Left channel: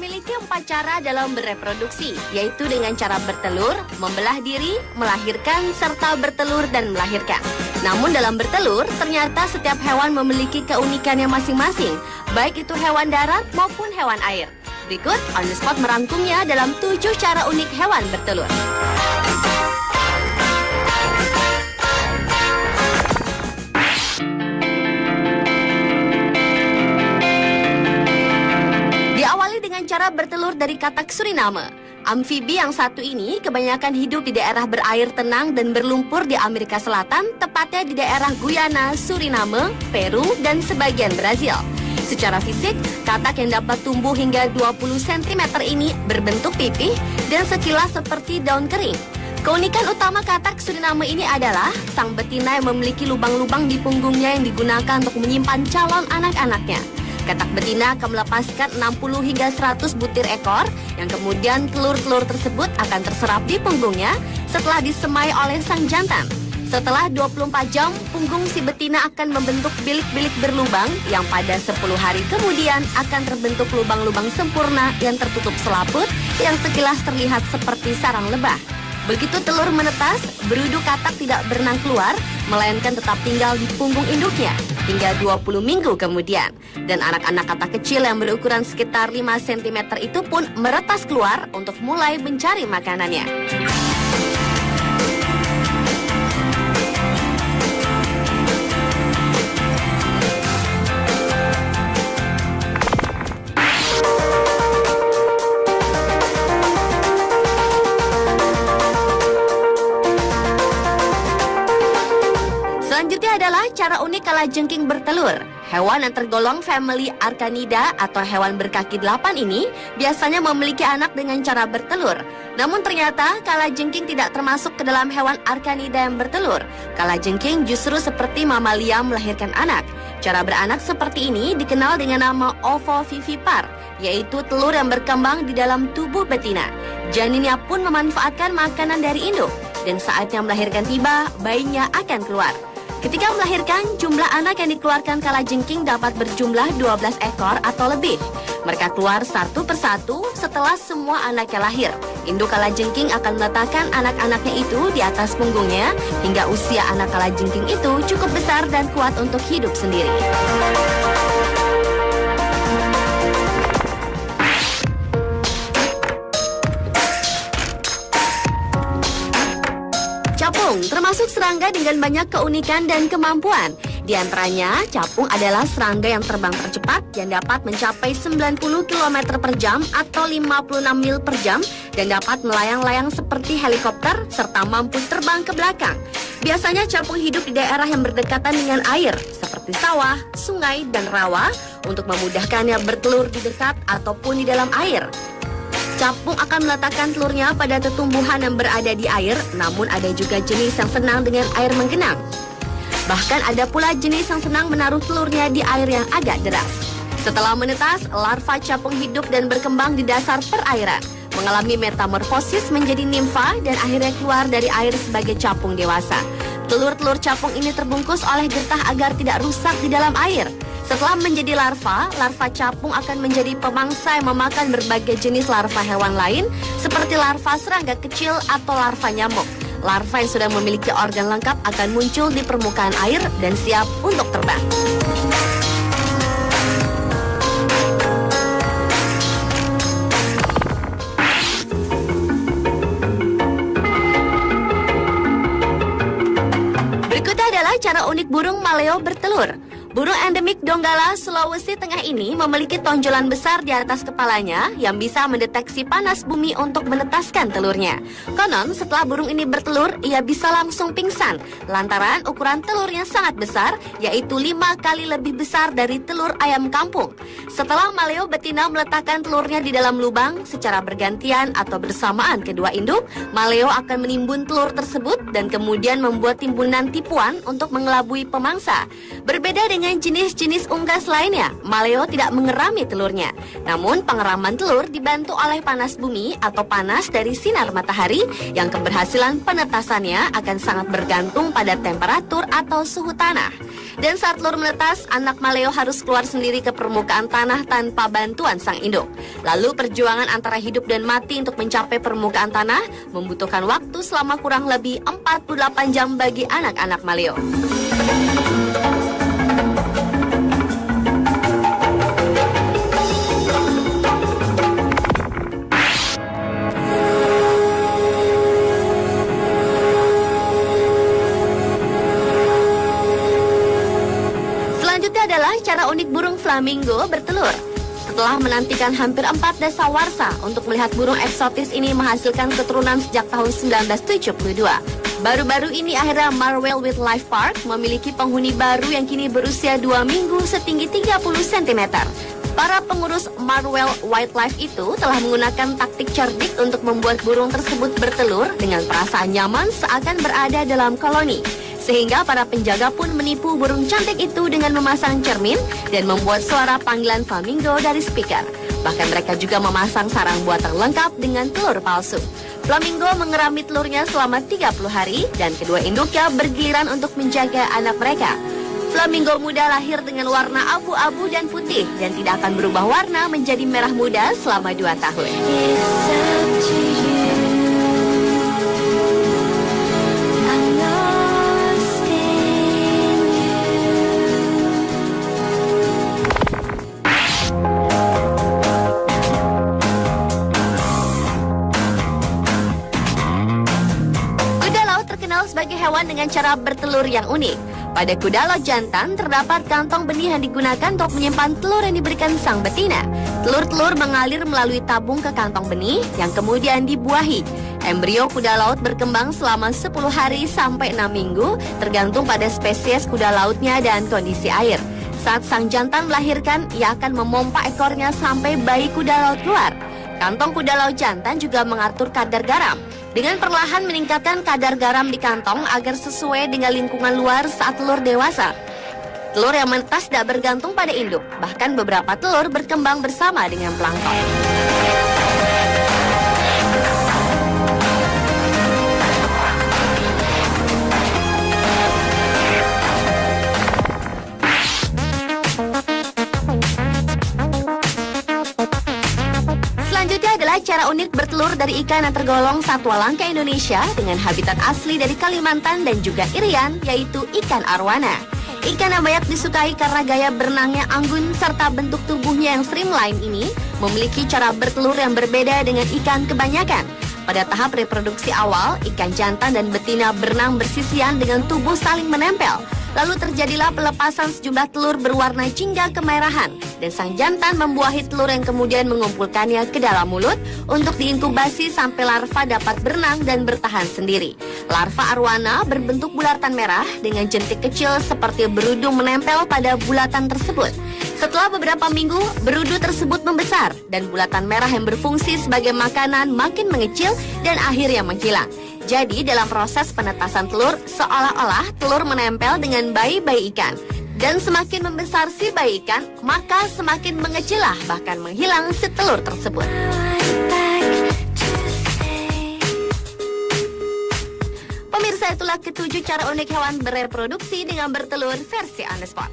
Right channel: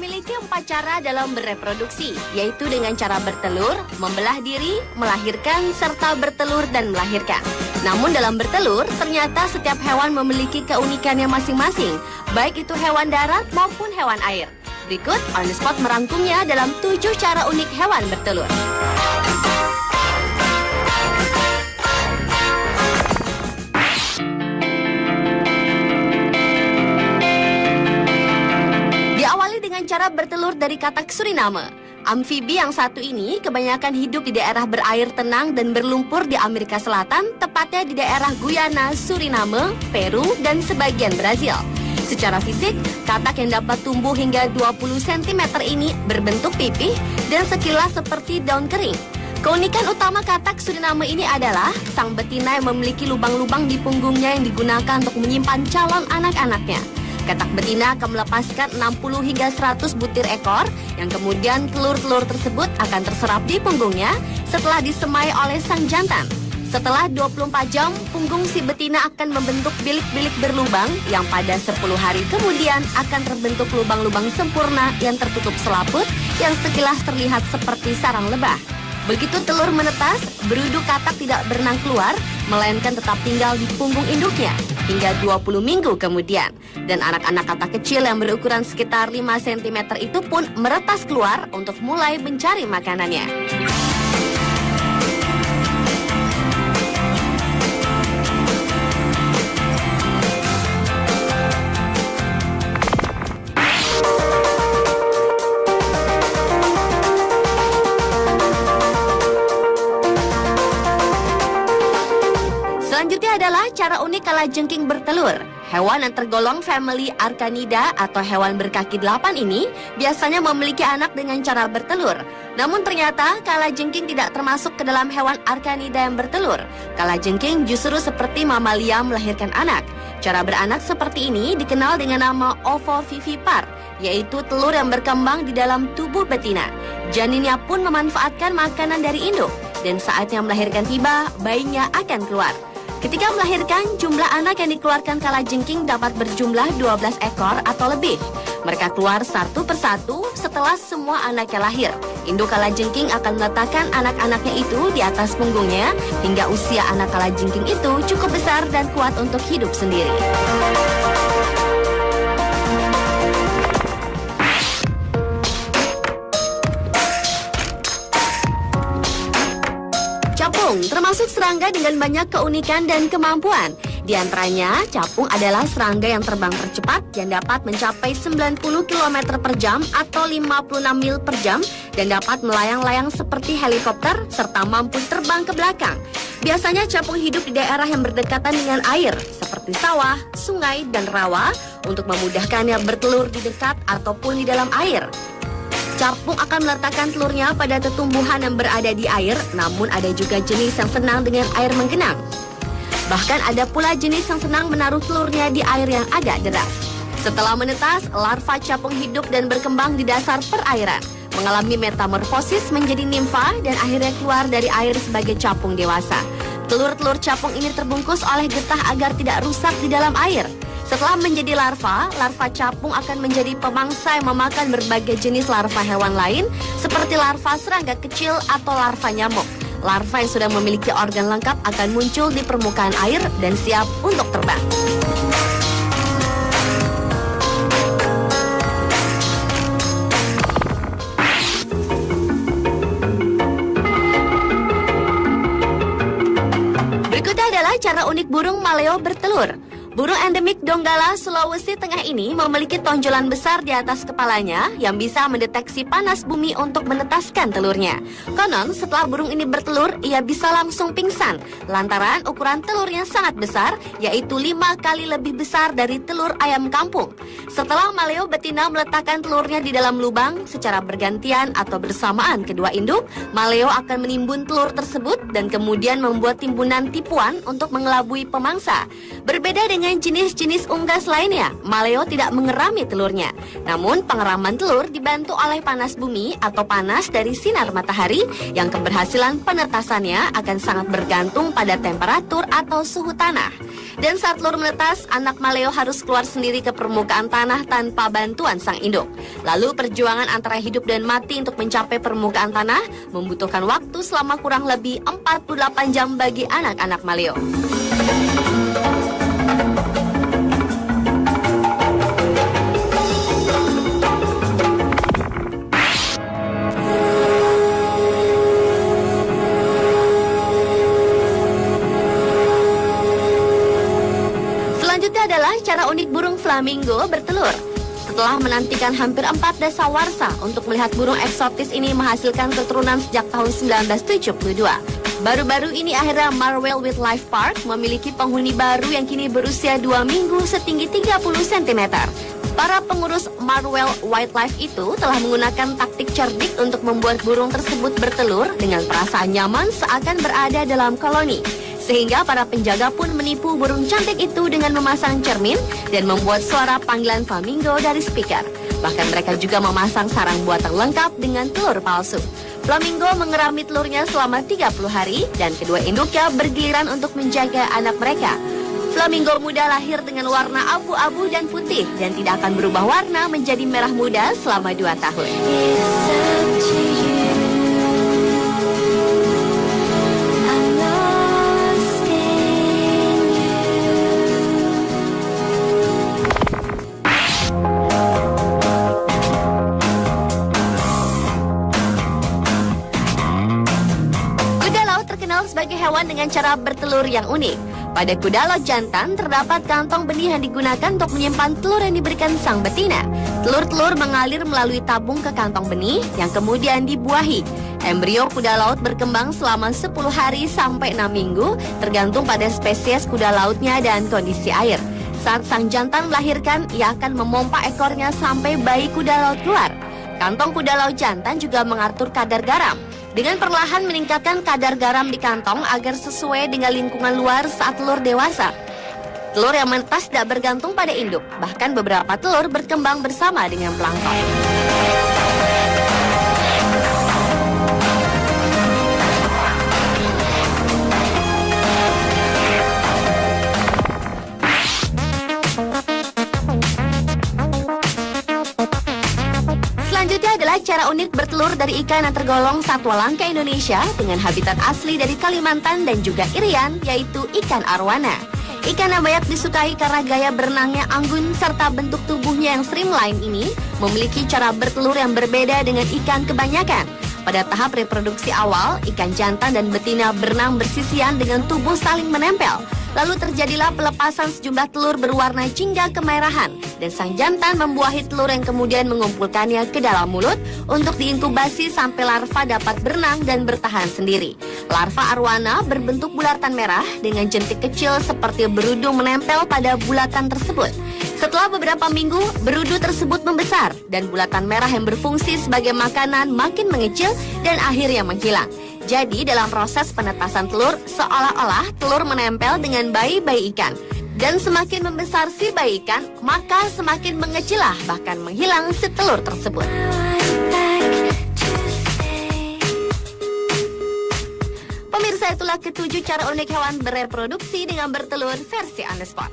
Memiliki 4 cara dalam bereproduksi, yaitu dengan cara bertelur, membelah diri, melahirkan, serta bertelur dan melahirkan. Namun dalam bertelur, ternyata setiap hewan memiliki keunikannya masing-masing, baik itu hewan darat maupun hewan air. Berikut On The Spot merangkumnya dalam 7 cara unik hewan bertelur. Diawali dengan cara bertelur dari katak Suriname. Amfibi yang satu ini kebanyakan hidup di daerah berair tenang dan berlumpur di Amerika Selatan, tepatnya di daerah Guyana, Suriname, Peru, dan sebagian Brazil. Secara fisik, katak yang dapat tumbuh hingga 20 cm ini berbentuk pipih dan sekilas seperti daun kering. Keunikan utama katak Suriname ini adalah sang betina yang memiliki lubang-lubang di punggungnya yang digunakan untuk menyimpan calon anak-anaknya. Katak betina akan melepaskan 60 hingga 100 butir ekor yang kemudian telur-telur tersebut akan terserap di punggungnya setelah disemai oleh sang jantan. Setelah 24 jam, punggung si betina akan membentuk bilik-bilik berlubang yang pada 10 hari kemudian akan terbentuk lubang-lubang sempurna yang tertutup selaput yang sekilas terlihat seperti sarang lebah. Begitu telur menetas, berudu katak tidak berenang keluar, melainkan tetap tinggal di punggung induknya hingga 20 minggu kemudian. Dan anak-anak katak kecil yang berukuran sekitar 5 cm itu pun meretas keluar untuk mulai mencari makanannya. Selanjutnya adalah cara unik kalajengking bertelur. Hewan yang tergolong family Archanida atau hewan berkaki 8 ini biasanya memiliki anak dengan cara bertelur. Namun ternyata kalajengking tidak termasuk ke dalam hewan Archanida yang bertelur. Kalajengking justru seperti mamalia melahirkan anak. Cara beranak seperti ini dikenal dengan nama ovovivipar, yaitu telur yang berkembang di dalam tubuh betina. Janinnya pun memanfaatkan makanan dari induk, dan saatnya melahirkan tiba, bayinya akan keluar. Ketika melahirkan, jumlah anak yang dikeluarkan kalajengking dapat berjumlah 12 ekor atau lebih. Mereka keluar satu persatu setelah semua anaknya lahir. Induk kalajengking akan meletakkan anak-anaknya itu di atas punggungnya hingga usia anak kalajengking itu cukup besar dan kuat untuk hidup sendiri. Capung termasuk serangga dengan banyak keunikan dan kemampuan. Di antaranya, capung adalah serangga yang terbang tercepat yang dapat mencapai 90 km per jam atau 56 mil per jam dan dapat melayang-layang seperti helikopter serta mampu terbang ke belakang. Biasanya capung hidup di daerah yang berdekatan dengan air seperti sawah, sungai, dan rawa untuk memudahkannya bertelur di dekat ataupun di dalam air. Capung akan meletakkan telurnya pada tumbuhan yang berada di air, namun ada juga jenis yang senang dengan air menggenang. Bahkan ada pula jenis yang senang menaruh telurnya di air yang agak deras. Setelah menetas, larva capung hidup dan berkembang di dasar perairan, mengalami metamorfosis menjadi nimfa dan akhirnya keluar dari air sebagai capung dewasa. Telur-telur capung ini terbungkus oleh getah agar tidak rusak di dalam air. Setelah menjadi larva, larva capung akan menjadi pemangsa yang memakan berbagai jenis larva hewan lain seperti larva serangga kecil atau larva nyamuk. Larva yang sudah memiliki organ lengkap akan muncul di permukaan air dan siap untuk terbang. Berikutnya adalah cara unik burung maleo bertelur. Burung endemik Donggala, Sulawesi Tengah ini memiliki tonjolan besar di atas kepalanya yang bisa mendeteksi panas bumi untuk menetaskan telurnya. Konon, setelah burung ini bertelur, ia bisa langsung pingsan lantaran ukuran telurnya sangat besar, yaitu 5 kali lebih besar dari telur ayam kampung. Setelah maleo betina meletakkan telurnya di dalam lubang secara bergantian atau bersamaan kedua induk, maleo akan menimbun telur tersebut dan kemudian membuat timbunan tipuan untuk mengelabui pemangsa. Berbeda dengan dengan jenis-jenis unggas lainnya, maleo tidak mengerami telurnya. Namun pengeraman telur dibantu oleh panas bumi atau panas dari sinar matahari yang keberhasilan penetasannya akan sangat bergantung pada temperatur atau suhu tanah. Dan saat telur menetas, anak maleo harus keluar sendiri ke permukaan tanah tanpa bantuan sang induk. Lalu perjuangan antara hidup dan mati untuk mencapai permukaan tanah membutuhkan waktu selama kurang lebih 48 jam bagi anak-anak maleo. Selanjutnya adalah cara unik burung flamingo bertelur. Setelah menantikan hampir 4 dasawarsa untuk melihat burung eksotis ini menghasilkan keturunan sejak tahun 1972. Baru-baru ini akhirnya Marwell Wildlife Park memiliki penghuni baru yang kini berusia 2 minggu setinggi 30 cm. Para pengurus Marwell Wildlife itu telah menggunakan taktik cerdik untuk membuat burung tersebut bertelur dengan perasaan nyaman seakan berada dalam koloni. Sehingga para penjaga pun menipu burung cantik itu dengan memasang cermin dan membuat suara panggilan flamingo dari speaker. Bahkan mereka juga memasang sarang buatan lengkap dengan telur palsu. Flamingo mengerami telurnya selama 30 hari dan kedua induknya bergiliran untuk menjaga anak mereka. Flamingo muda lahir dengan warna abu-abu dan putih dan tidak akan berubah warna menjadi merah muda selama 2 tahun. Kuda laut terkenal sebagai hewan dengan cara bertelur yang unik. Pada kuda laut jantan terdapat kantong benih yang digunakan untuk menyimpan telur yang diberikan sang betina. Telur-telur mengalir melalui tabung ke kantong benih yang kemudian dibuahi. Embrio kuda laut berkembang selama 10 hari sampai 6 minggu tergantung pada spesies kuda lautnya dan kondisi air. Saat sang jantan melahirkan, ia akan memompa ekornya sampai bayi kuda laut keluar. Kantong kuda laut jantan juga mengatur kadar garam. Dengan perlahan meningkatkan kadar garam di kantong agar sesuai dengan lingkungan luar saat telur dewasa. Telur yang menetas tidak bergantung pada induk, bahkan beberapa telur berkembang bersama dengan plankton. Selanjutnya adalah cara unik bertelur dari ikan yang tergolong satwa langka Indonesia dengan habitat asli dari Kalimantan dan juga Irian, yaitu ikan arwana. Ikan yang banyak disukai karena gaya berenangnya anggun serta bentuk tubuhnya yang streamline ini memiliki cara bertelur yang berbeda dengan ikan kebanyakan. Pada tahap reproduksi awal, ikan jantan dan betina berenang bersisian dengan tubuh saling menempel. Lalu terjadilah pelepasan sejumlah telur berwarna jingga kemerahan dan sang jantan membuahi telur yang kemudian mengumpulkannya ke dalam mulut untuk diinkubasi sampai larva dapat berenang dan bertahan sendiri. Larva arwana berbentuk bulatan merah dengan jentik kecil seperti berudu menempel pada bulatan tersebut. Setelah beberapa minggu, berudu tersebut membesar dan bulatan merah yang berfungsi sebagai makanan makin mengecil dan akhirnya menghilang. Jadi dalam proses penetasan telur, seolah-olah telur menempel dengan bayi-bayi ikan. Dan semakin membesar si bayi ikan, maka semakin mengecillah bahkan menghilang si telur tersebut. Pemirsa, itulah ketujuh cara unik hewan bereproduksi dengan bertelur versi on the spot.